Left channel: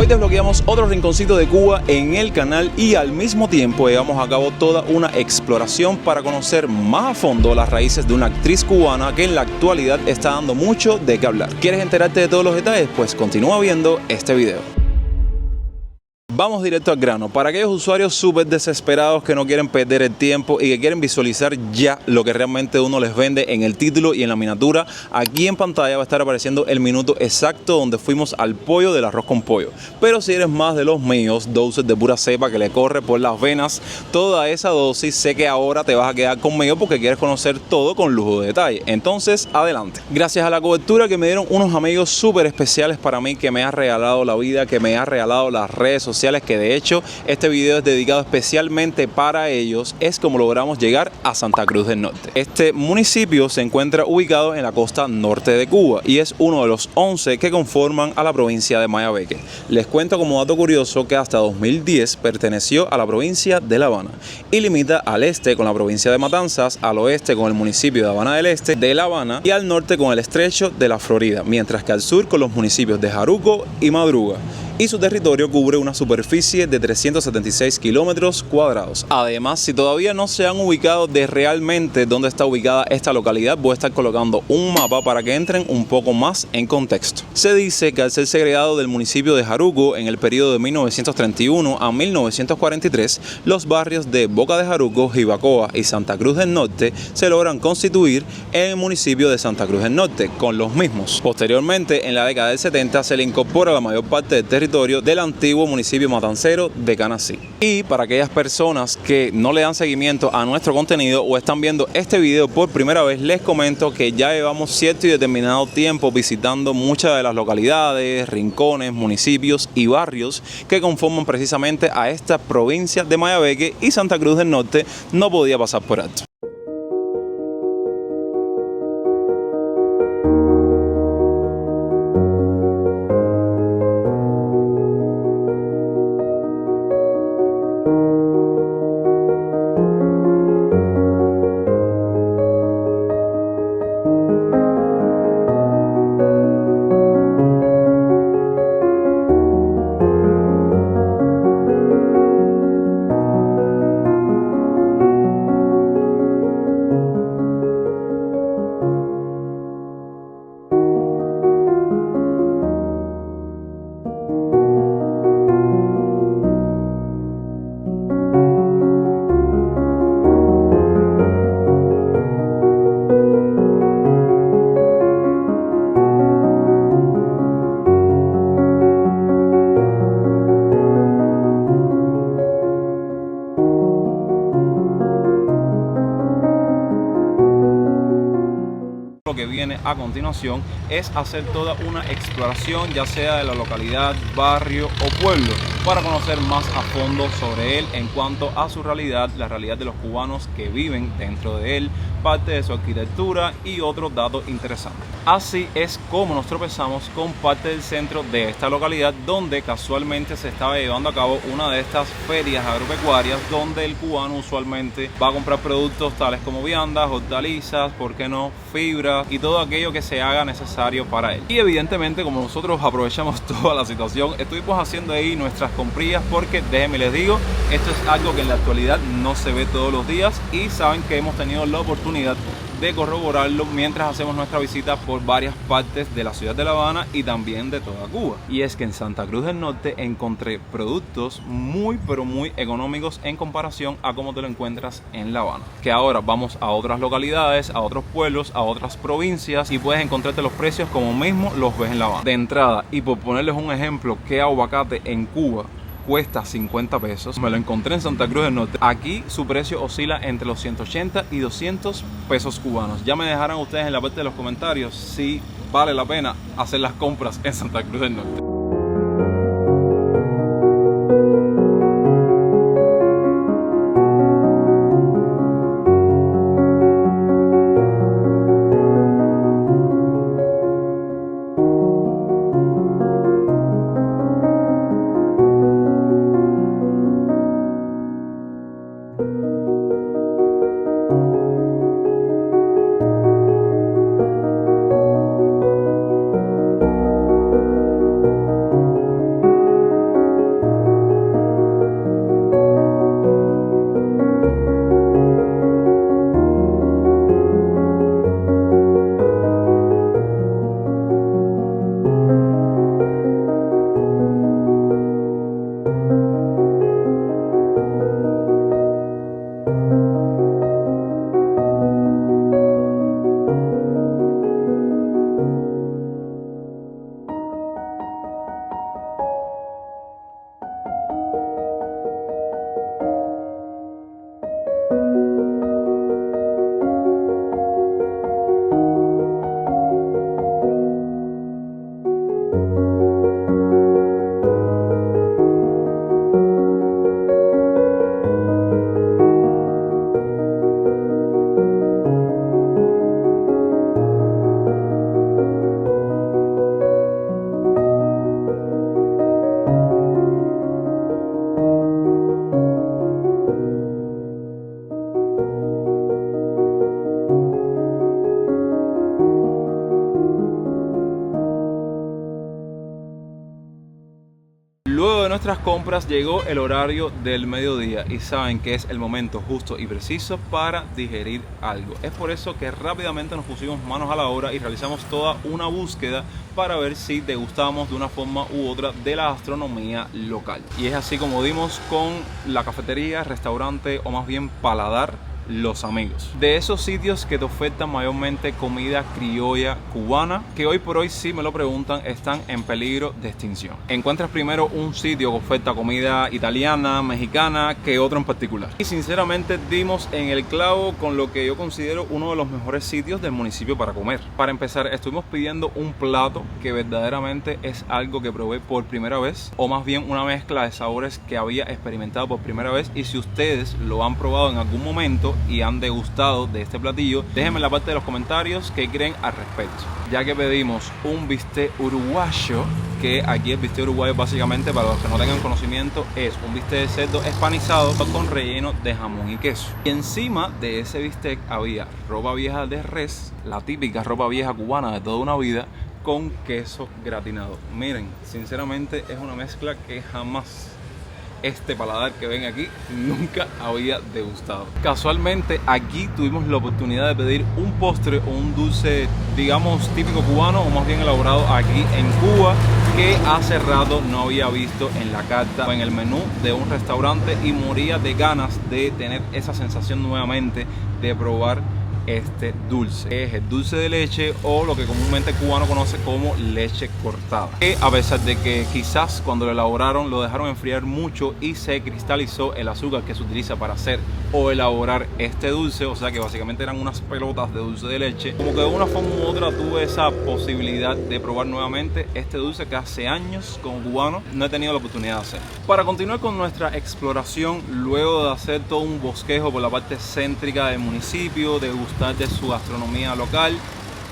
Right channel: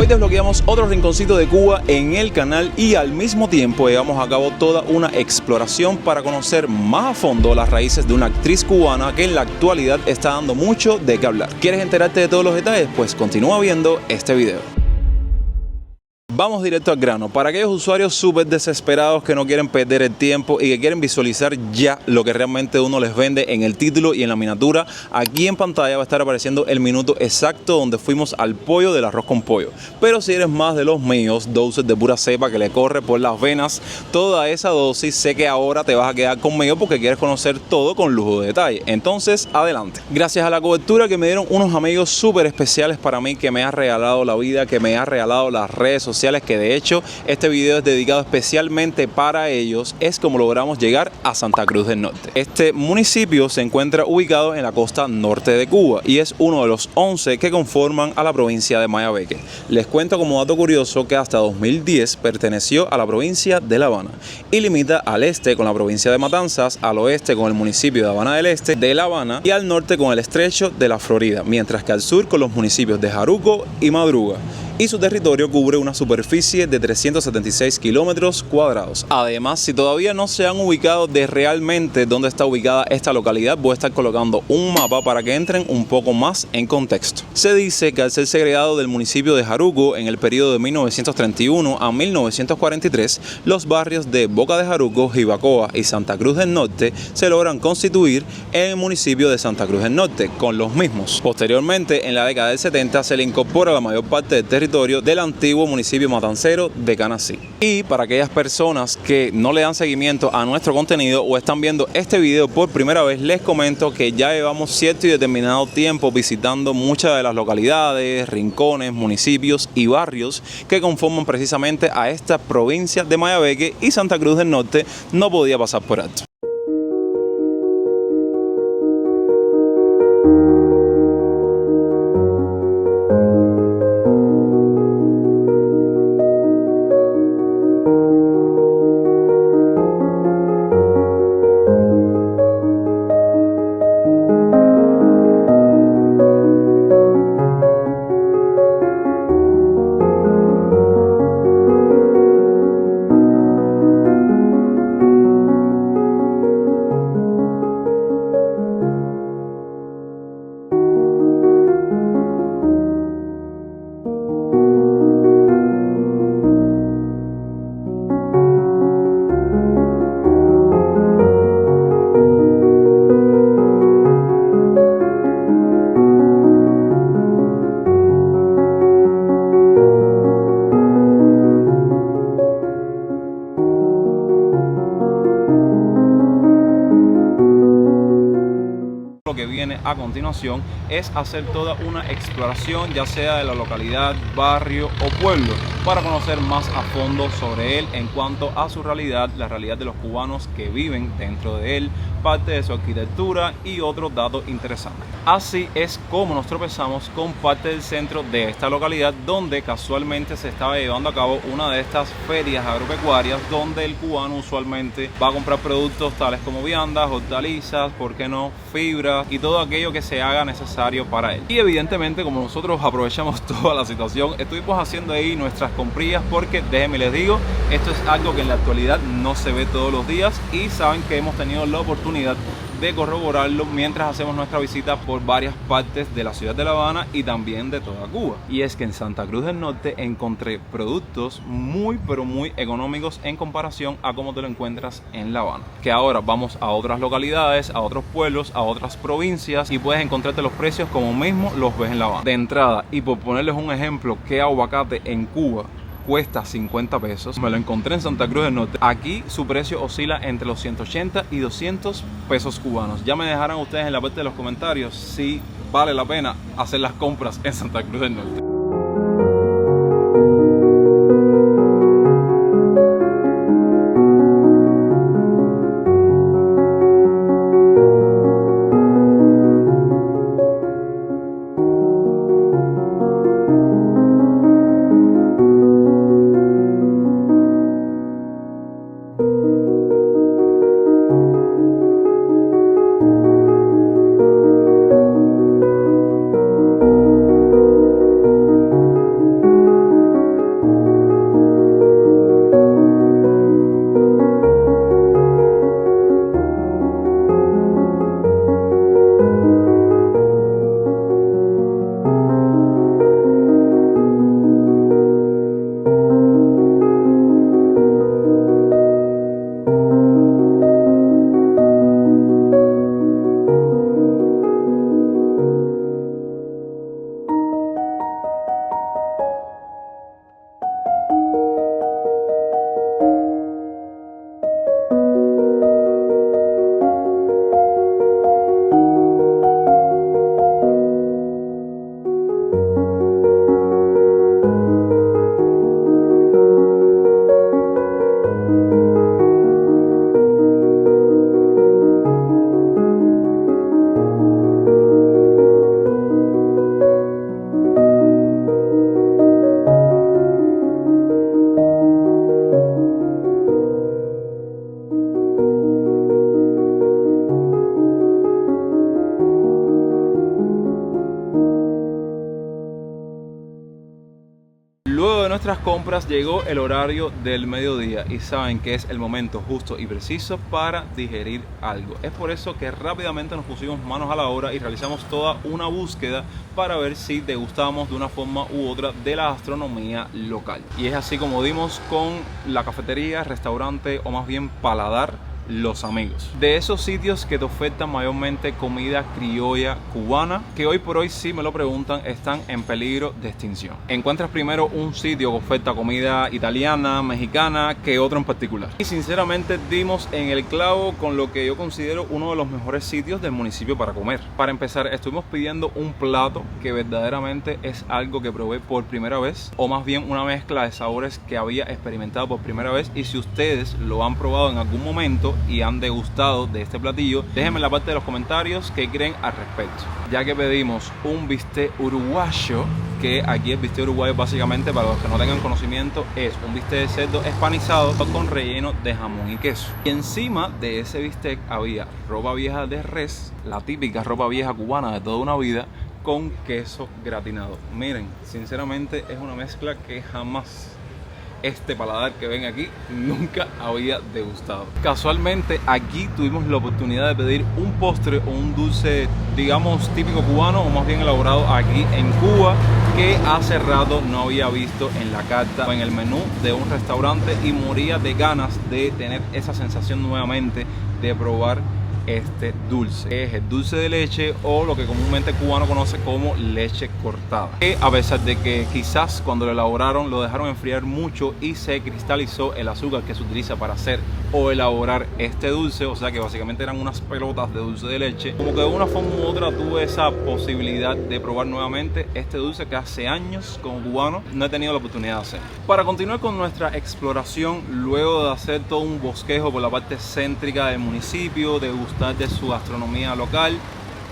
Hoy desbloqueamos otro rinconcito de Cuba en el canal y al mismo tiempo llevamos a cabo toda una exploración para conocer más a fondo las raíces de una actriz cubana que en la actualidad está dando mucho de qué hablar. ¿Quieres enterarte de todos los detalles? Pues continúa viendo este video. Vamos directo al grano. Para aquellos usuarios súper desesperados que no quieren perder el tiempo y que quieren visualizar ya lo que realmente uno les vende en el título y en la miniatura, aquí en pantalla va a estar apareciendo el minuto exacto donde fuimos al pollo del arroz con pollo. Pero si eres más de los míos, dosis de pura cepa que le corre por las venas, toda esa dosis, sé que ahora te vas a quedar conmigo porque quieres conocer todo con lujo de detalle. Entonces, adelante. Gracias a la cobertura que me dieron unos amigos súper especiales para mí, que me ha regalado la vida, que me ha regalado las redes sociales, que de hecho este video es dedicado especialmente para ellos, es como logramos llegar a Santa Cruz del Norte. Este municipio se encuentra ubicado en la costa norte de Cuba y es uno de los 11 que conforman a la provincia de Mayabeque. Les cuento como dato curioso que hasta 2010 perteneció a la provincia de La Habana y limita al este con la provincia de Matanzas, al oeste con el municipio de Habana del Este, de La Habana, y al norte con el estrecho de la Florida, mientras que al sur con los municipios de Jaruco y Madruga. Y su territorio cubre una superficie de 376 kilómetros cuadrados. Además, si todavía no se han ubicado de realmente dónde está ubicada esta localidad, voy a estar colocando un mapa para que entren un poco más en contexto. Se dice que al ser segregado del municipio de Jaruco en el periodo de 1931 a 1943, los barrios de Boca de Jaruco, Jibacoa y Santa Cruz del Norte se logran constituir en el municipio de Santa Cruz del Norte con los mismos. Posteriormente, en la década del 70, se le incorpora la mayor parte del territorio del antiguo municipio matancero de Canací. Y para aquellas personas que no le dan seguimiento a nuestro contenido o están viendo este video por primera vez, les comento que ya llevamos cierto y determinado tiempo visitando muchas de las localidades, rincones, municipios y barrios que conforman precisamente a esta provincia de Mayabeque, y Santa Cruz del Norte no podía pasar por alto. Lo que viene a continuación es hacer toda una exploración, ya sea de la localidad, barrio o pueblo, para conocer más a fondo sobre él en cuanto a su realidad, la realidad de los cubanos que viven dentro de él, parte de su arquitectura y otros datos interesantes. Así es como nos tropezamos con parte del centro de esta localidad, donde casualmente se estaba llevando a cabo una de estas ferias agropecuarias, donde el cubano usualmente va a comprar productos tales como viandas, hortalizas, ¿por qué no?, fibra y todo aquello que se haga necesario para él. Y evidentemente, como nosotros aprovechamos toda la situación, estuvimos haciendo ahí nuestras comprillas, porque déjenme les digo, esto es algo que en la actualidad no se ve todos los días, y saben que hemos tenido la oportunidad de corroborarlo mientras hacemos nuestra visita por varias partes de la ciudad de La Habana y también de toda Cuba. Y es que en Santa Cruz del Norte encontré productos muy pero muy económicos en comparación a cómo te lo encuentras en La Habana. Que ahora vamos a otras localidades, a otros pueblos, a otras provincias, y puedes encontrarte los precios como mismo los ves en La Habana. De entrada, y por ponerles un ejemplo, que aguacate en Cuba cuesta 50 pesos, me lo encontré en Santa Cruz del Norte. Aquí su precio oscila entre los 180 y 200 pesos cubanos. Ya me dejarán ustedes en la parte de los comentarios si vale la pena hacer las compras en Santa Cruz del Norte. Luego de nuestras compras llegó el horario del mediodía y saben que es el momento justo y preciso para digerir algo. Es por eso que rápidamente nos pusimos manos a la obra y realizamos toda una búsqueda para ver si degustamos de una forma u otra de la gastronomía local. Y es así como dimos con la cafetería, restaurante o más bien paladar Los Amigos. De esos sitios que te ofertan mayormente comida criolla cubana, que hoy por hoy, si me lo preguntan, están en peligro de extinción. Encuentras primero un sitio que oferta comida italiana, mexicana, que otro en particular. Y sinceramente dimos en el clavo con lo que yo considero uno de los mejores sitios del municipio para comer. Para empezar, estuvimos pidiendo un plato que verdaderamente es algo que probé por primera vez, o más bien una mezcla de sabores que había experimentado por primera vez. Y si ustedes lo han probado en algún momento y han degustado de este platillo, déjenme en la parte de los comentarios qué creen al respecto. Ya que pedimos un bistec uruguayo, que aquí el bistec uruguayo básicamente, para los que no tengan conocimiento, es un bistec de cerdo empanizado con relleno de jamón y queso. Y encima de ese bistec había ropa vieja de res, la típica ropa vieja cubana de toda una vida, con queso gratinado. Miren, sinceramente es una mezcla que jamás este paladar que ven aquí nunca había degustado. Casualmente aquí tuvimos la oportunidad de pedir un postre o un dulce, digamos típico cubano, o más bien elaborado aquí en Cuba, que hace rato no había visto en la carta o en el menú de un restaurante, y moría de ganas de tener esa sensación nuevamente de probar este dulce. Es el dulce de leche, o lo que comúnmente el cubano conoce como leche cortada, que a pesar de que quizás cuando lo elaboraron lo dejaron enfriar mucho y se cristalizó el azúcar que se utiliza para hacer o elaborar este dulce, o sea que básicamente eran unas pelotas de dulce de leche, como que de una forma u otra tuve esa posibilidad de probar nuevamente este dulce que hace años como cubano no he tenido la oportunidad de hacer. Para continuar con nuestra exploración, luego de hacer todo un bosquejo por la parte céntrica del municipio, de de su gastronomía local,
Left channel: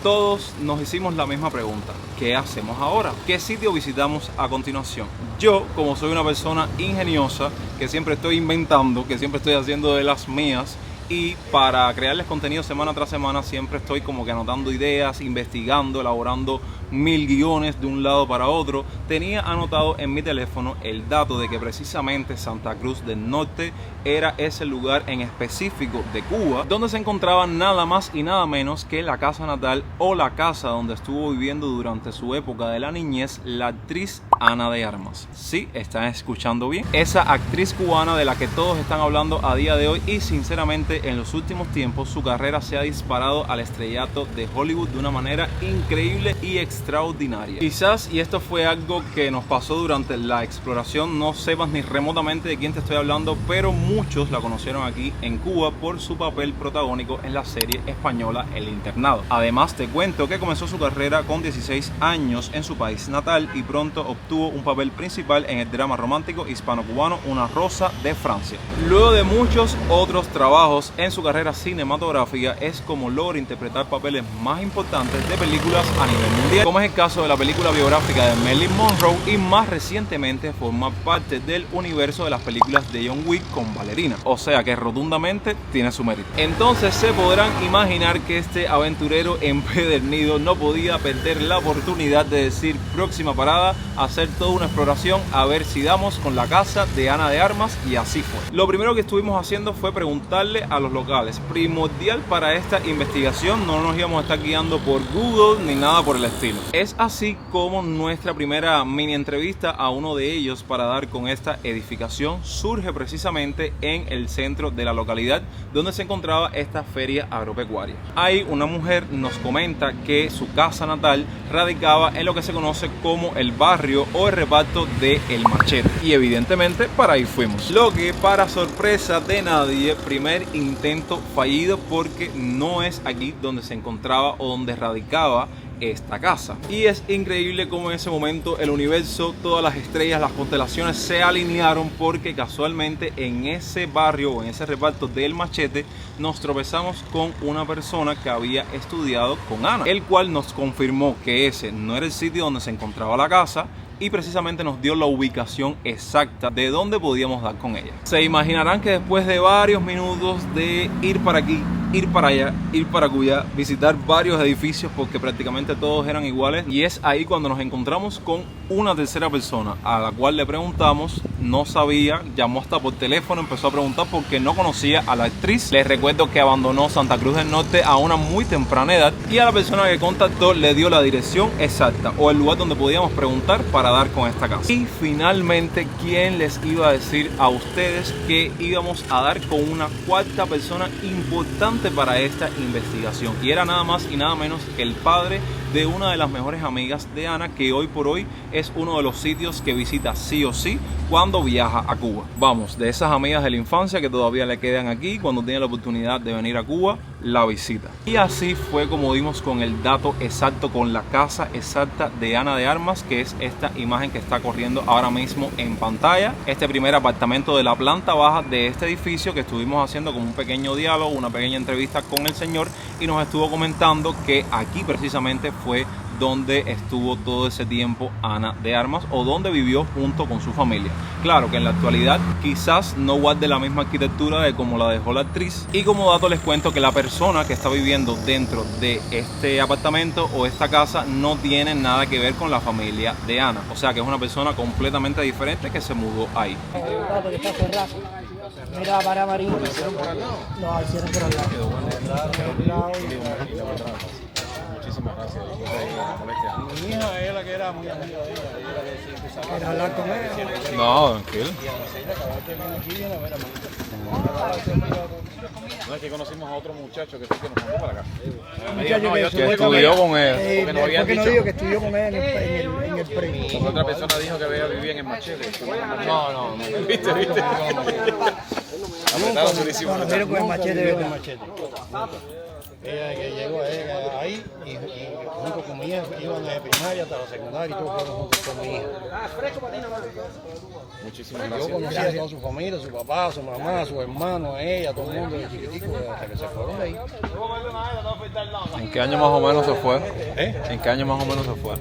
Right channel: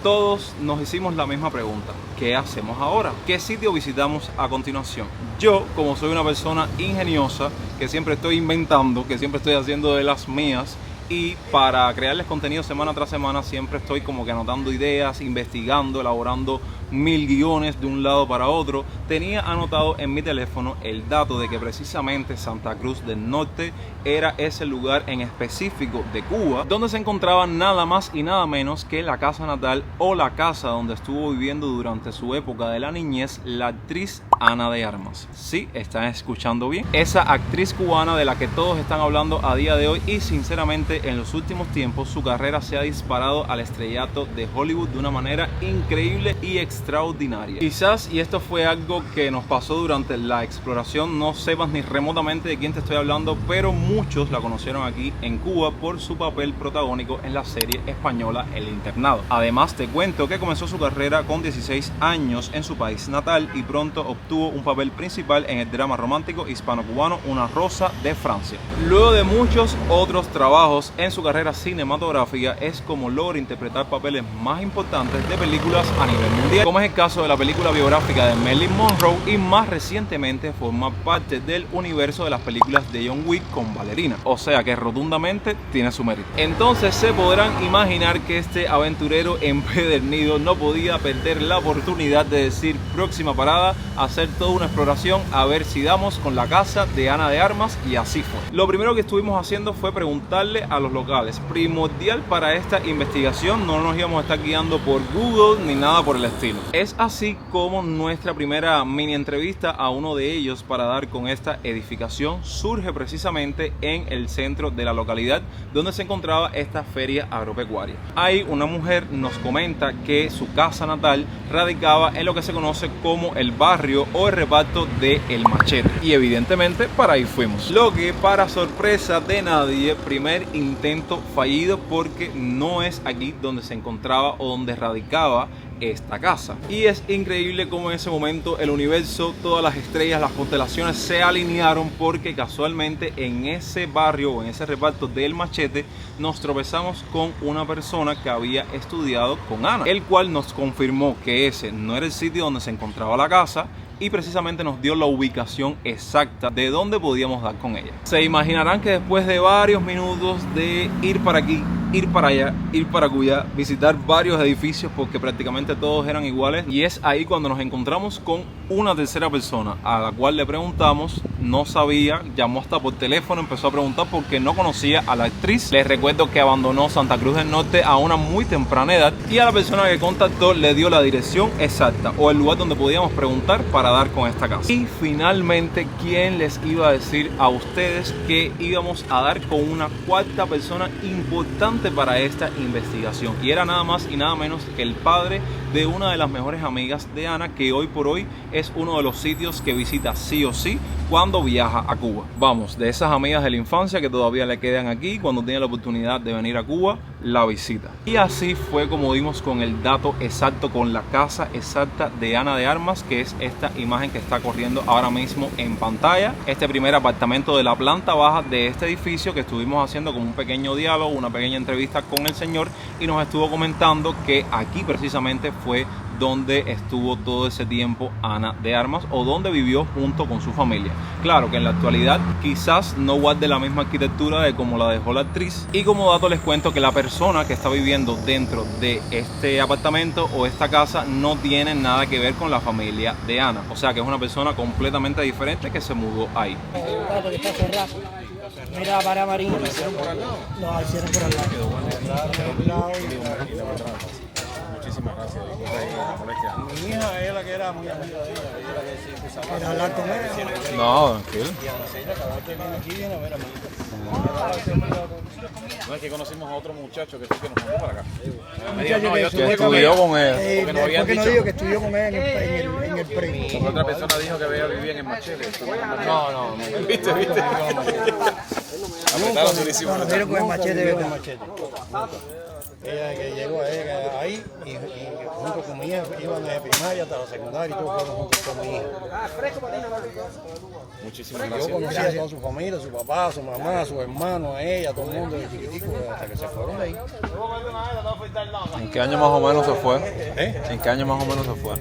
todos nos hicimos la misma pregunta: ¿qué hacemos ahora? ¿Qué sitio visitamos a continuación? Yo, como soy una persona ingeniosa, que siempre estoy inventando, que siempre estoy haciendo de las mías, y para crearles contenido semana tras semana siempre estoy como que anotando ideas, investigando, elaborando 1000 guiones de un lado para otro, tenía anotado en mi teléfono el dato de que precisamente Santa Cruz del Norte era ese lugar en específico de Cuba donde se encontraba nada más y nada menos que la casa natal, o la casa donde estuvo viviendo durante su época de la niñez la actriz Ana de Armas. Sí, están escuchando bien, esa actriz cubana de la que todos están hablando a día de hoy, y sinceramente en los últimos tiempos su carrera se ha disparado al estrellato de Hollywood de una manera increíble y extraordinaria. Quizás, y esto fue algo que nos pasó durante la exploración, no sepas ni remotamente de quién te estoy hablando, pero muchos la conocieron aquí en Cuba por su papel protagónico en la serie española El Internado. Además te cuento que comenzó su carrera con 16 años en su país natal y pronto obtuvo un papel principal en el drama romántico hispano-cubano Una Rosa de Francia. Luego de muchos otros trabajos en su carrera cinematográfica es como logra interpretar papeles más importantes de películas a nivel mundial, como es el caso de la película biográfica de Marilyn Monroe, y más recientemente forma parte del universo de las películas de John Wick con Ballerina, o sea que rotundamente tiene su mérito. Entonces se podrán imaginar que este aventurero empedernido no podía perder la oportunidad de decir: próxima parada, hacer toda una exploración a ver si damos con la casa de Ana de Armas, y así fue. Lo primero que estuvimos haciendo fue preguntarle a los locales. Primordial para esta investigación, no nos íbamos a estar guiando por Google ni nada por el estilo. Es así como nuestra primera mini entrevista a uno de ellos para dar con esta edificación surge precisamente en el centro de la localidad donde se encontraba esta feria agropecuaria. Ahí una mujer nos comenta que su casa natal radicaba en lo que se conoce como el barrio o el reparto de El Machete, y evidentemente para ahí fuimos. Lo que, para sorpresa de nadie, primer intento fallido, porque no es aquí donde se encontraba o donde radicaba esta casa. Y es increíble cómo en ese momento el universo, todas las estrellas, las constelaciones se alinearon, porque casualmente en ese barrio o en ese reparto del Machete nos tropezamos con una persona que había estudiado con Ana, el cual nos confirmó que ese no era el sitio donde se encontraba la casa, y precisamente nos dio la ubicación exacta de dónde podíamos dar con ella. Se imaginarán que después de varios minutos de ir para aquí ir para allá, ir para Cuya, visitar varios edificios porque prácticamente todos eran iguales, y es ahí cuando nos encontramos con una tercera persona a la cual le preguntamos, no sabía, llamó hasta por teléfono, empezó a preguntar porque no conocía a la actriz. Les recuerdo que abandonó Santa Cruz del Norte a una muy temprana edad, y a la persona que contactó le dio la dirección exacta o el lugar donde podíamos preguntar para dar con esta casa. Y finalmente, ¿quién les iba a decir a ustedes que íbamos a dar con una cuarta persona importante para esta investigación? Y era nada más y nada menos que el padre de una de las mejores amigas de Ana, que hoy por hoy es uno de los sitios que visita sí o sí cuando viaja a Cuba. Vamos, de esas amigas de la infancia que todavía le quedan aquí, cuando tiene la oportunidad de venir a Cuba, la visita. Y así fue como dimos con el dato exacto, con la casa exacta de Ana de Armas, que es esta imagen que está corriendo ahora mismo en pantalla. Este primer apartamento de la planta baja de este edificio, que estuvimos haciendo como un pequeño diálogo, una pequeña entrevista con el señor, y nos estuvo comentando que aquí precisamente fue donde estuvo todo ese tiempo Ana de Armas, o donde vivió junto con su familia. Claro que en la actualidad quizás no guarde la misma arquitectura de como la dejó la actriz. Y como dato les cuento que la persona que está viviendo dentro de este apartamento o esta casa no tiene nada que ver con la familia de Ana, o sea que es una persona completamente diferente que se mudó ahí. Mira, para Marín, no, hicieron por el lado. Muchísimas gracias. Mi hija es la que era mi amiga de ella. ¿Quieres hablar con ella? No, tranquilo. No, es que conocimos a otro muchacho que nos mandó para acá. Que estudió con ella. ¿Por qué no digo que estudió con ella en el premio? Otra persona dijo que vivía en el Machete. No. ¿Viste? Cuando vieron con el machete, ella que llegó ahí y junto con mi hija iban de primaria hasta la secundaria y todos fueron juntos con mi hija. Muchísimas gracias. Yo conocía a su familia, su papá, su mamá, su hermano, ella, todo el mundo de chiquitico hasta que se fueron de ahí. ¿En qué año más o menos se fue? ¿En qué año más o menos se fue?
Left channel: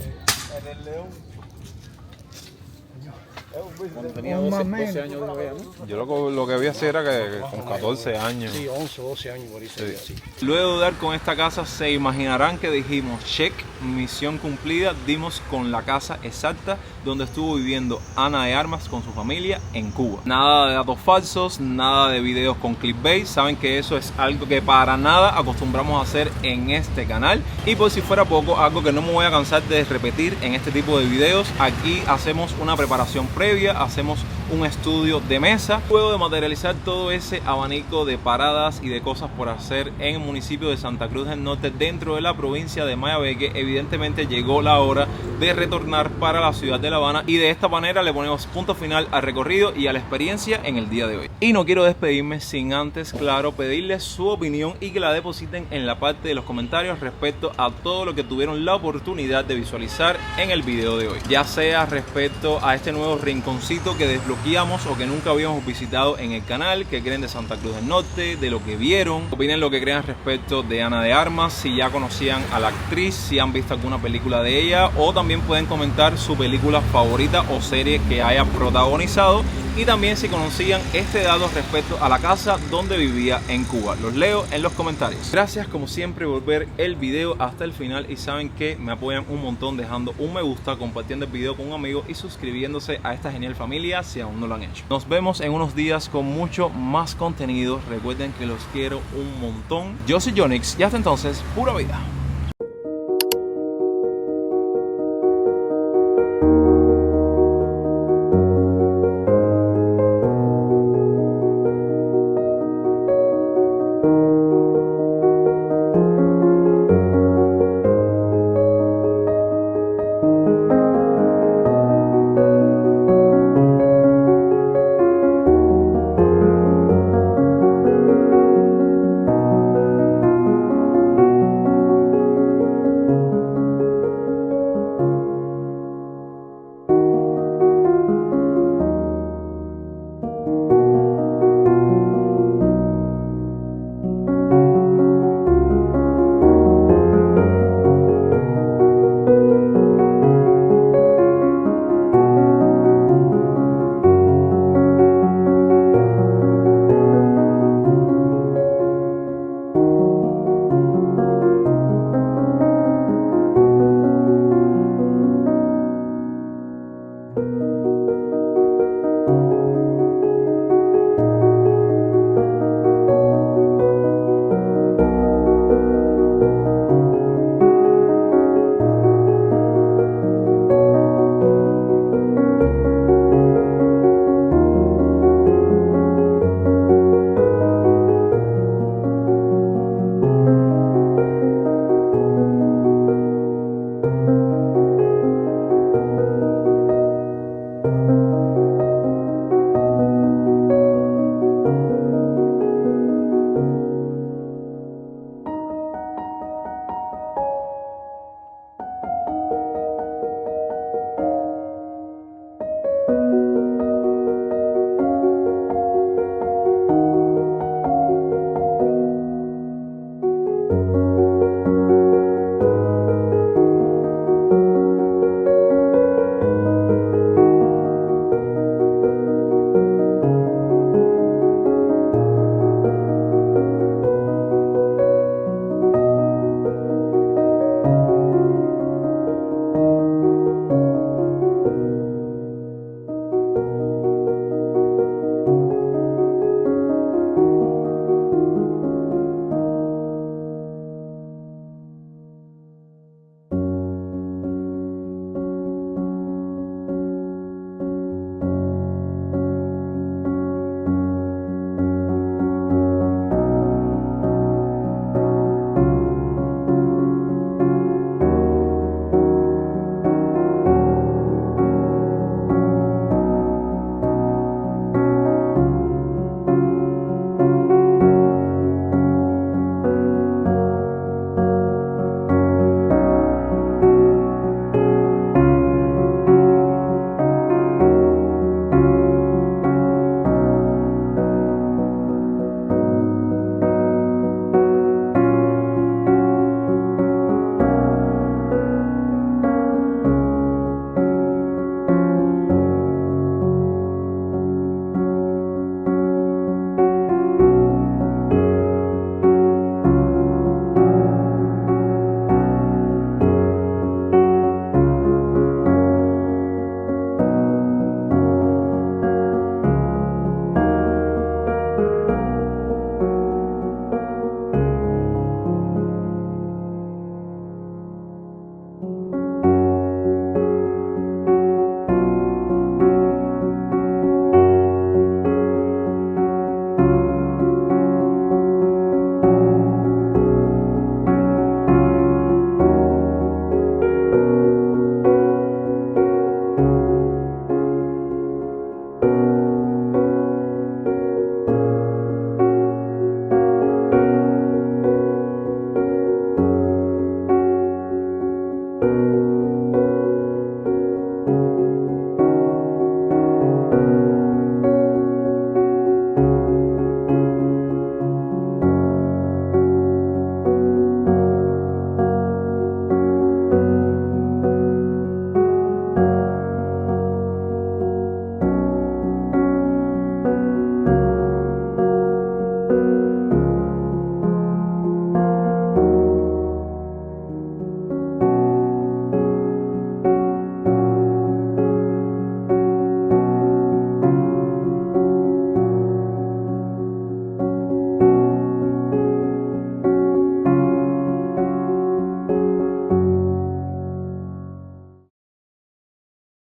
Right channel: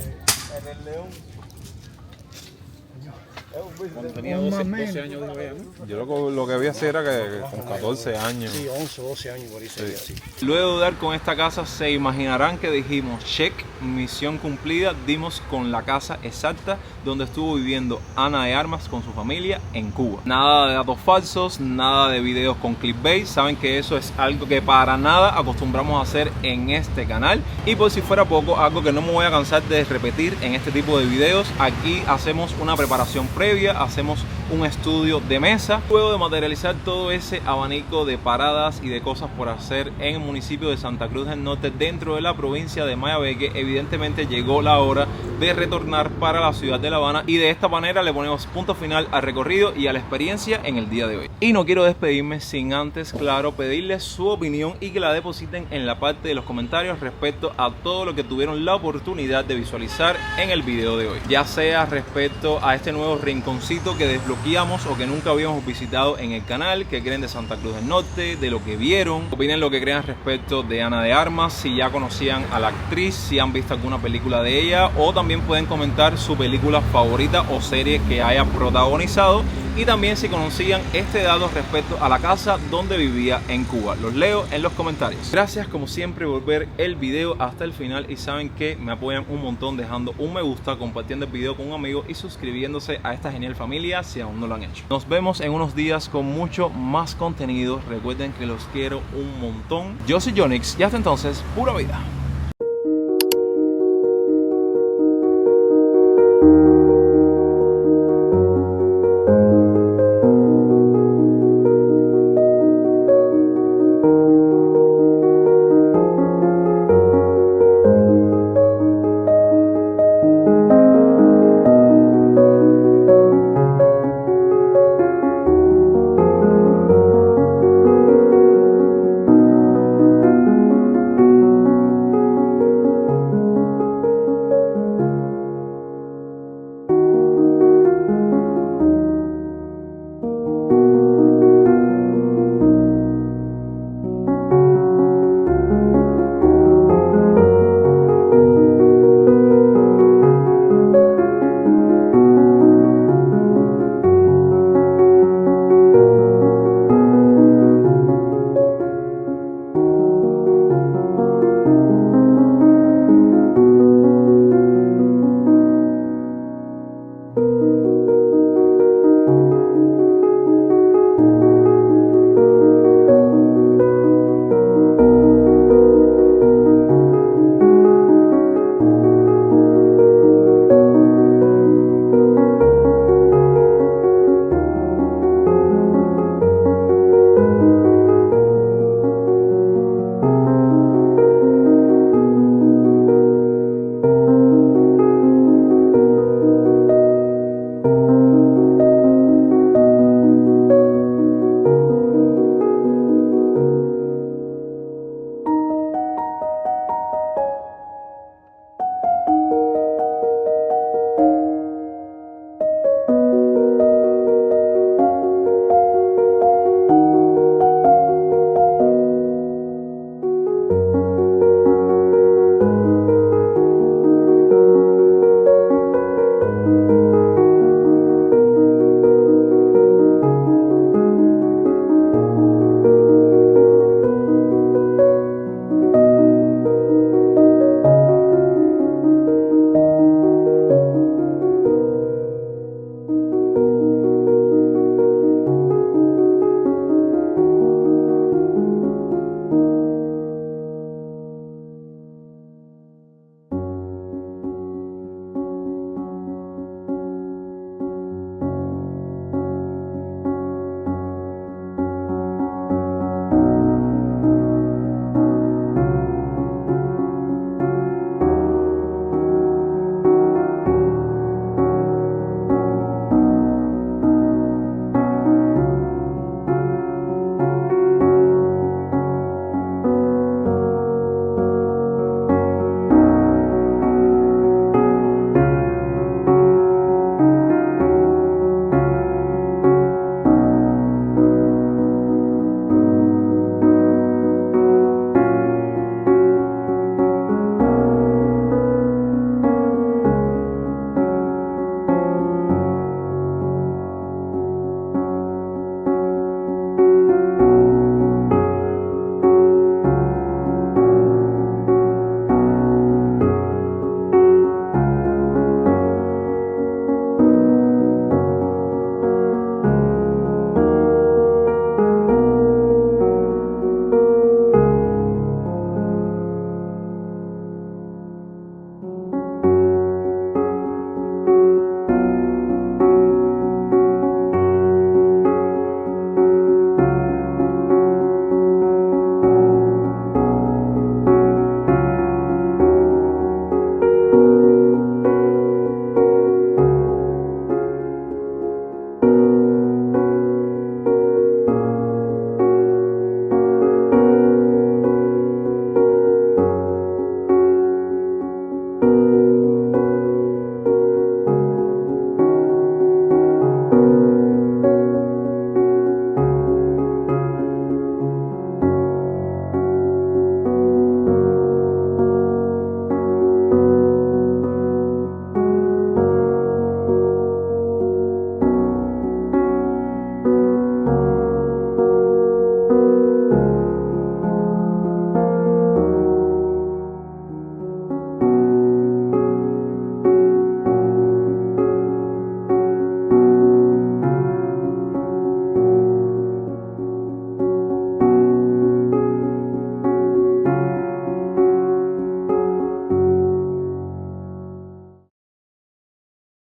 Cuando tenía 12 años, dijo ella, ¿no? Yo lo que vi así era que con 14 años. Sí, 11, 12 años por ahí. Sí. Luego de dar con esta casa, se imaginarán que dijimos check, misión cumplida. Dimos con la casa exacta donde estuvo viviendo Ana de Armas con su familia en Cuba. Nada de datos falsos, nada de videos con clickbait. Saben que eso es algo que para nada acostumbramos a hacer en este canal. Y por si fuera poco, algo que no me voy a cansar de repetir en este tipo de videos: aquí hacemos una preparación previa, hacemos un estudio de mesa, luego de materializar todo ese abanico de paradas y de cosas por hacer en el municipio de Santa Cruz del Norte, dentro de la provincia de Mayabeque. Evidentemente llegó la hora de retornar para la ciudad de La Habana, y de esta manera le ponemos punto final al recorrido y a la experiencia en el día de hoy. Y no quiero despedirme sin antes, claro, pedirles su opinión y que la depositen en la parte de los comentarios respecto a todo lo que tuvieron la oportunidad de visualizar en el video de hoy, ya sea respecto a este nuevo rinconcito que desbloqueamos o que nunca habíamos visitado en el canal, qué creen de Santa Cruz del Norte, de lo que vieron, opinen lo que crean respecto de Ana de Armas, si ya conocían a la actriz, si han visto alguna película de ella, o también pueden comentar su película favorita o serie que haya protagonizado, y también si conocían este dato respecto a la casa donde vivía en Cuba. Los leo en los comentarios. Gracias como siempre por ver el video hasta el final, y saben que me apoyan un montón dejando un me gusta, compartiendo el video con un amigo y suscribiéndose a esta genial familia si aún no lo han hecho. Nos vemos en unos días con mucho más contenido. Recuerden que los quiero un montón. Yo soy Jonix y hasta entonces, pura vida.